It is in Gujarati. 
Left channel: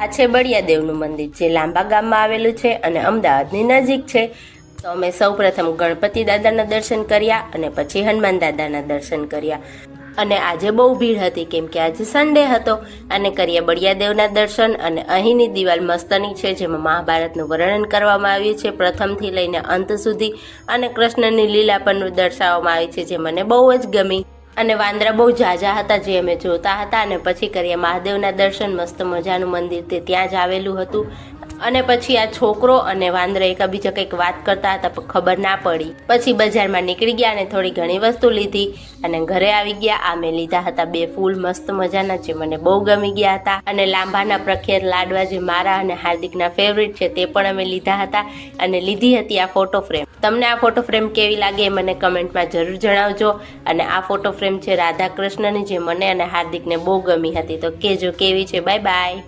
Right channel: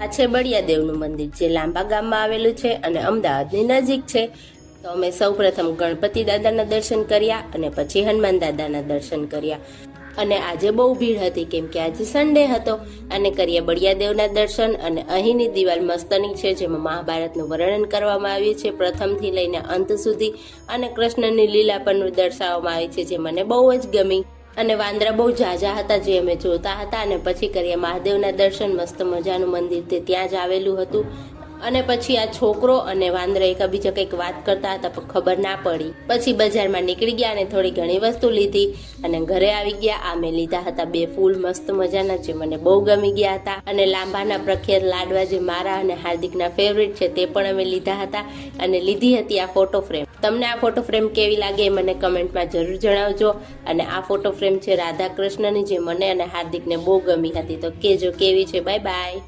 આ છે બળિયાદેવનું મંદિર, જે લાંબા ગામમાં આવેલું છે અને અમદાવાદની નજીક છે. તો અમે સૌ પ્રથમ ગણપતિ દાદાના દર્શન કર્યા અને પછી હનુમાન દાદાના દર્શન કર્યા. અને આજે બહુ ભીડ હતી કેમ કે આજે સન્ડે હતો. અને કર્યા બળિયાદેવના દર્શન. અને અહીંની દિવાલ મસ્તની છે, જેમાં મહાભારતનું વર્ણન કરવામાં આવ્યું છે પ્રથમથી લઈને અંત સુધી. અને કૃષ્ણની લીલા પણ દર્શાવવામાં આવી છે, જે મને બહુ જ ગમી. અને વાંદરા બહુ ઝાઝા હતા, જે અમે જોતા હતા. અને પછી કર્યા મહાદેવના દર્શન. મસ્ત મજાનું મંદિર તે ત્યાં જ આવેલું હતું. અને પછી આ છોકરો અને વાંદરા એકબીજા કંઈક વાત કરતા હતા, પણ ખબર ના પડી. પછી બજારમાં નીકળી ગયા અને થોડી ઘણી વસ્તુ લીધી અને ઘરે આવી ગયા. આ મેં લીધા હતા 2 ફૂલ મસ્ત મજાના, જે મને બહુ ગમી ગયા હતા. અને લાંબાના પ્રખ્યાત લાડવા, જે મારા અને હાર્દિકના ફેવરિટ છે, તે પણ અમે લીધા હતા. અને લીધી હતી આ ફોટો ફ્રેમ. તમને આ ફોટો ફ્રેમ કેવી લાગે એ મને કમેન્ટમાં જરૂર જણાવજો. અને આ ફોટો ફ્રેમ છે રાધા કૃષ્ણની, જે મને અને હાર્દિકને બહુ ગમી હતી. તો કહેજો કેવી છે. Bye bye.